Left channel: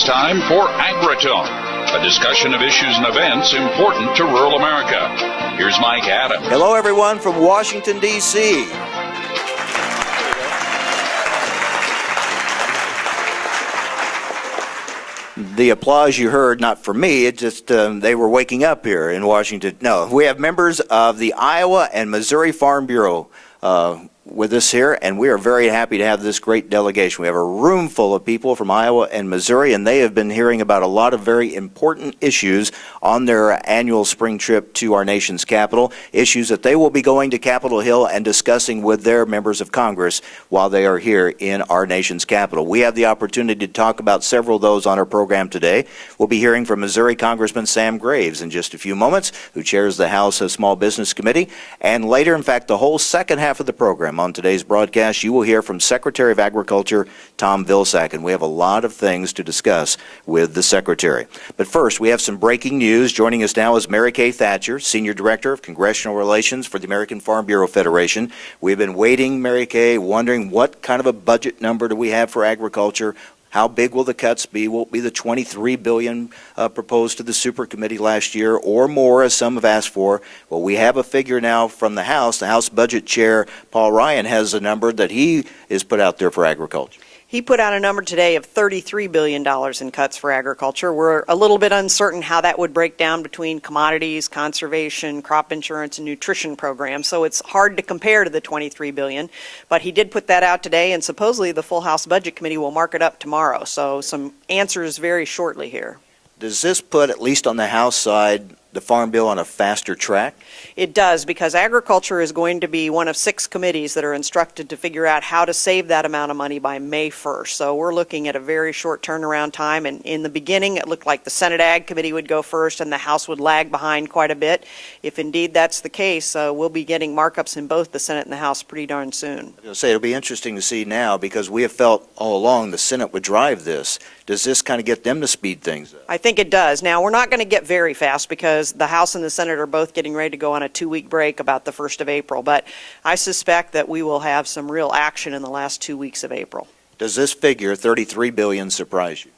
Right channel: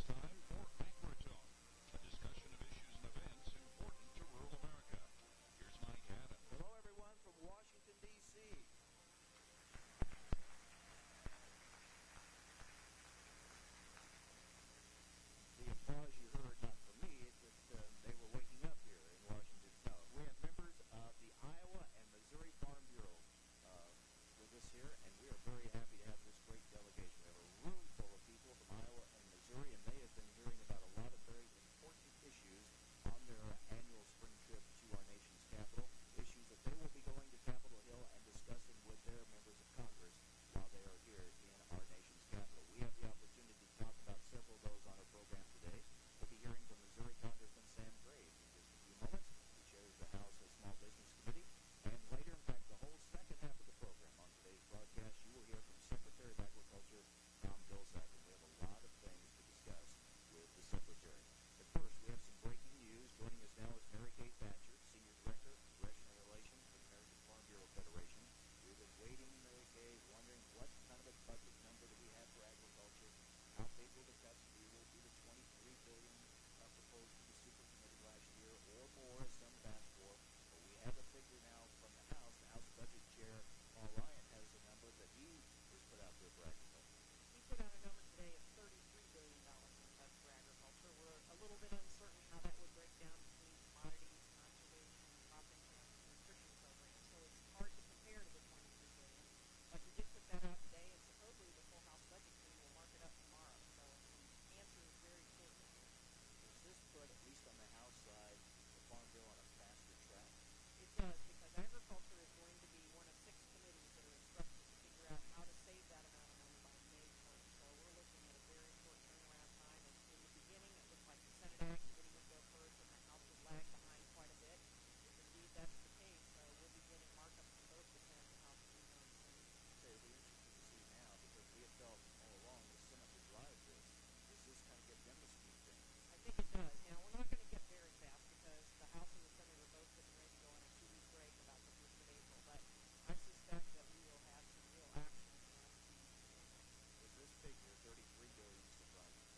It's time for Agritone, a discussion of issues and events important to rural America. Here's Mike Adams. Hello, everyone from Washington, D.C. The applause you heard, not for me, it just they were waking up here in Washington. No, we have members of the Iowa and Missouri Farm Bureau with us here, and we are very happy to have this great delegation. We have a room full of people from Iowa and Missouri, and they have been hearing about a lot of very important issues on their annual spring trip to our nation's capital, issues that they will be going to Capitol Hill and discussing with their members of Congress while they are here in our nation's capital. We have the opportunity to talk about several of those on our program today. We'll be hearing from Missouri Congressman Sam Graves in just a few moments, who chairs the House Small Business Committee, and later, in fact, the whole second half of the program on today's broadcast, you will hear from Secretary of Agriculture Tom Vilsack, and we have a lot of things to discuss with the Secretary. But first, we have some breaking news. Joining us now is Mary Kay Thatcher, Senior Director of Congressional Relations for the American Farm Bureau Federation. We've been waiting, Mary Kay, wondering what kind of a budget number do we have for agriculture? How big will the cuts be? Will it be the $23 billion proposed to the Super Committee last year, or more, as some have asked for? Well, we have a figure now from the House. The House Budget Chair, Paul Ryan, has a number that he has put out there for agriculture. He put out a number today of $33 billion in cuts for agriculture. We're a little bit uncertain how that would break down between commodities, conservation, crop insurance, and nutrition programs. So it's hard to compare to the $23 billion. But he did put that out today, and supposedly the full House Budget Committee will mark it up tomorrow. So some answers very shortly here. Does this put, at least on the House side, the Farm Bill on a faster track? It does, because agriculture is going to be one of 6 committees that are instructed to figure out how to save that amount of money by May 1st. So we're looking at a very short turnaround time. And in the beginning, it looked like the Senate Ag Committee would go first and the House would lag behind quite a bit. If indeed that's the case, we'll be getting markups in both the Senate and the House pretty darn soon. I was going to say, it'll be interesting to see now, because we have felt all along the Senate would drive this. Does this kind of get them to speed things up? I think it does. Now, we're not going to get very fast, because the House and the Senate are both getting ready to go on a 2-week break about the 1st of April. But I suspect that we will have some real action in the last 2 weeks of April. Does this figure, $33 billion, surprise you?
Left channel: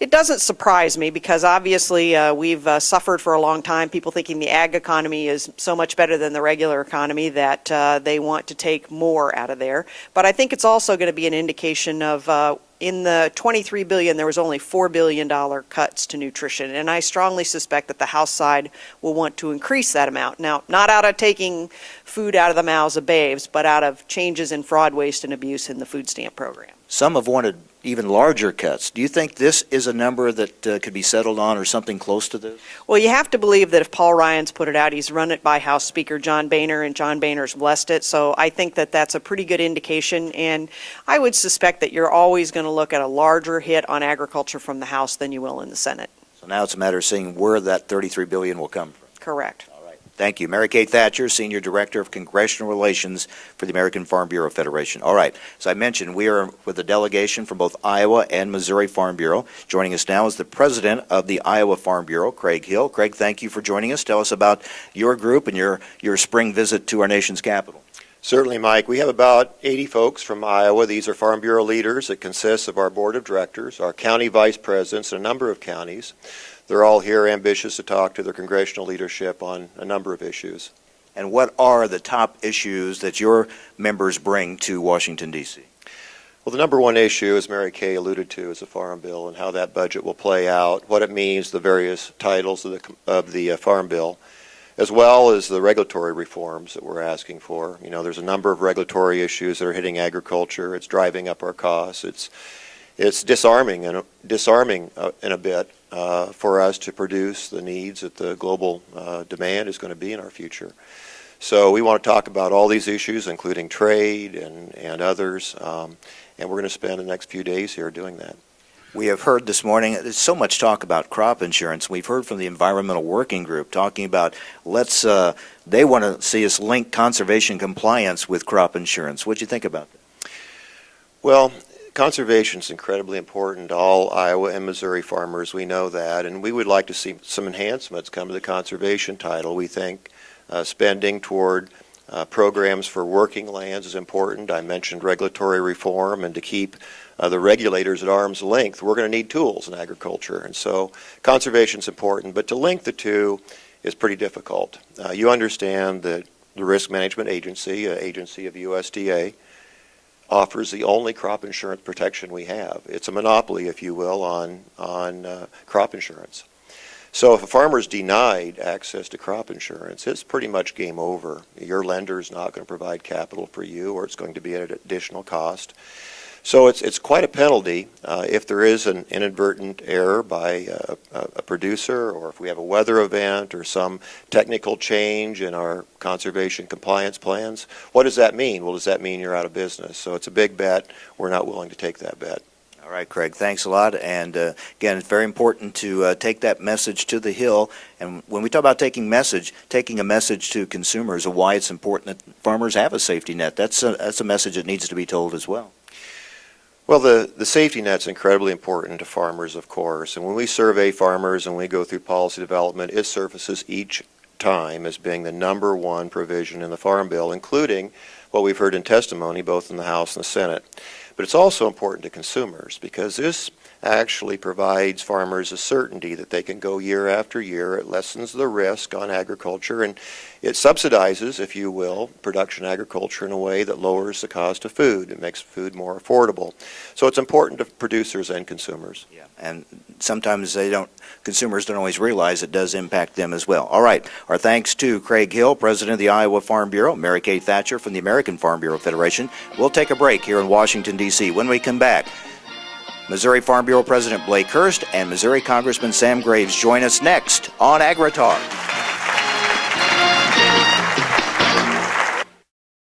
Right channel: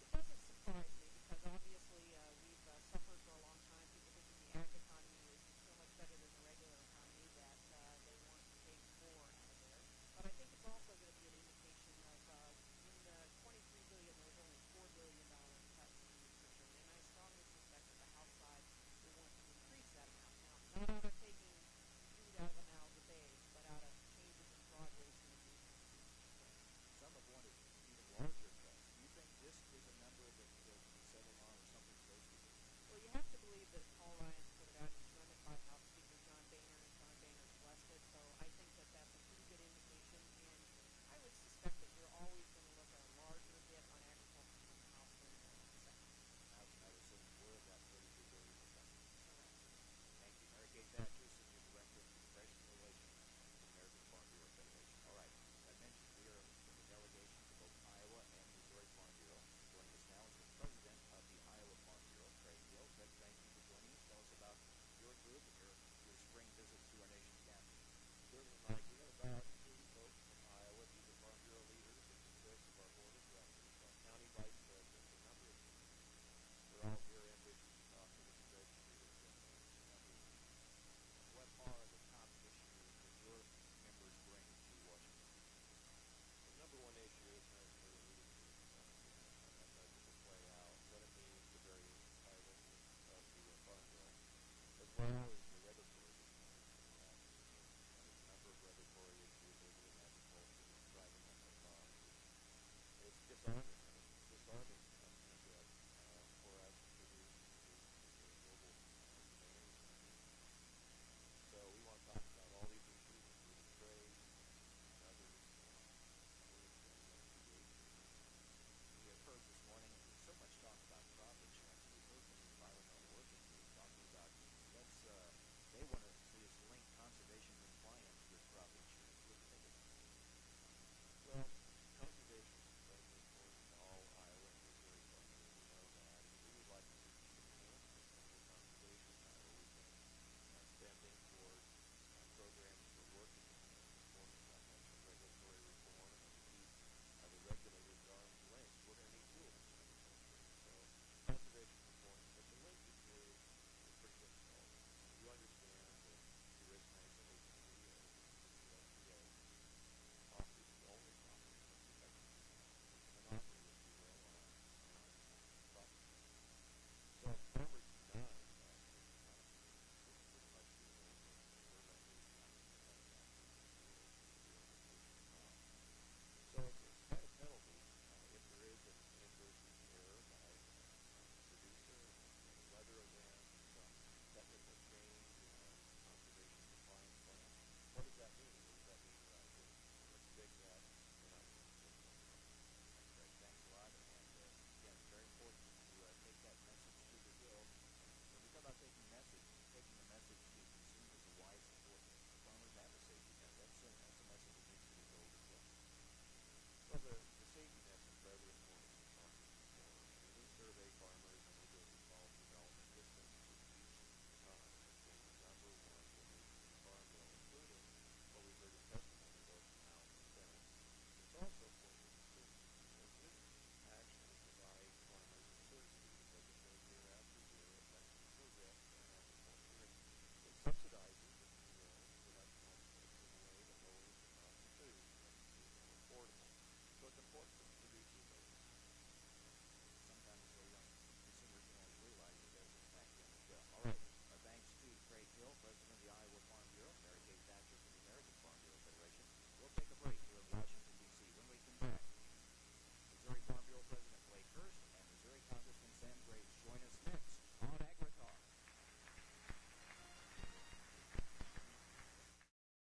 It doesn't surprise me, because obviously we've suffered for a long time, people thinking the ag economy is so much better than the regular economy that they want to take more out of there. But I think it's also going to be an indication of in the $23 billion, there was only $4 billion cuts to nutrition, and I strongly suspect that the House side will want to increase that amount. Now, not out of taking food out of the mouths of babes, but out of changes in fraud, waste, and abuse in the food stamp program. Some have wanted even larger cuts. Do you think this is a number that could be settled on, or something close to this? Well, you have to believe that if Paul Ryan's put it out, he's run it by House Speaker John Boehner, and John Boehner's blessed it. So I think that that's a pretty good indication. And I would suspect that you're always going to look at a larger hit on agriculture from the House than you will in the Senate. So now it's a matter of seeing where that $33 billion will come from. Correct. Thank you. Mary Kay Thatcher, Senior Director of Congressional Relations for the American Farm Bureau Federation. All right. As I mentioned, we are with a delegation from both Iowa and Missouri Farm Bureau. Joining us now is the President of the Iowa Farm Bureau, Craig Hill. Craig, thank you for joining us. Tell us about your group and your spring visit to our nation's capital. Certainly, Mike. We have about 80 folks from Iowa. These are Farm Bureau leaders. It consists of our Board of Directors, our county vice presidents, and a number of counties. They're all here ambitious to talk to their congressional leadership on a number of issues. And what are the top issues that your members bring to Washington, D.C.? Well, the number one issue, as Mary Kay alluded to, is the Farm Bill and how that budget will play out, what it means, the various titles of the Farm Bill, as well as the regulatory reforms that we're asking for. You know, there's a number of regulatory issues that are hitting agriculture. It's driving up our costs. It's disarming in a bit for us to produce the needs that the global demand is going to be in our future. So we want to talk about all these issues, including trade and others, and we're going to spend the next few days here doing that. We have heard this morning, there's so much talk about crop insurance. We've heard from the Environmental Working Group talking about they want to see us link conservation compliance with crop insurance. What do you think about that? Well, conservation is incredibly important to all Iowa and Missouri farmers. We know that, and we would like to see some enhancements come to the conservation title. We think spending toward Programs for working lands is important. I mentioned regulatory reform, and to keep the regulators at arm's length, we're going to need tools in agriculture. And so conservation is important, but to link the two is pretty difficult. You understand that the Risk Management Agency, an agency of USDA, offers the only crop insurance protection we have. It's a monopoly, if you will, on crop insurance. So if a farmer's denied access to crop insurance, it's pretty much game over. Your lender's not going to provide capital for you, or it's going to be at an additional cost. So it's quite a penalty if there is an inadvertent error by a producer, or if we have a weather event or some technical change in our conservation compliance plans. What does that mean? Well, does that mean you're out of business? So it's a big bet. We're not willing to take that bet. All right, Craig, thanks a lot. And again, it's very important to take that message to the Hill. And when we talk about taking a message to consumers of why it's important that farmers have a safety net, that's a message that needs to be told as well. Well, the safety net's incredibly important to farmers, of course. And when we survey farmers and we go through policy development, it surfaces each time as being the number one provision in the Farm Bill, including what we've heard in testimony both in the House and the Senate. But it's also important to consumers because this actually provides farmers a certainty that they can go year after year. It lessens the risk on agriculture, and it subsidizes, if you will, production agriculture in a way that lowers the cost of food. It makes food more affordable. So it's important to producers and consumers. Yeah, and sometimes consumers don't always realize it does impact them as well. All right, our thanks to Craig Hill, President of the Iowa Farm Bureau, Mary Kay Thatcher from the American Farm Bureau Federation. We'll take a break here in Washington, D.C. When we come back, Missouri Farm Bureau President Blake Hurst and Missouri Congressman Sam Graves join us next on AgriTalk.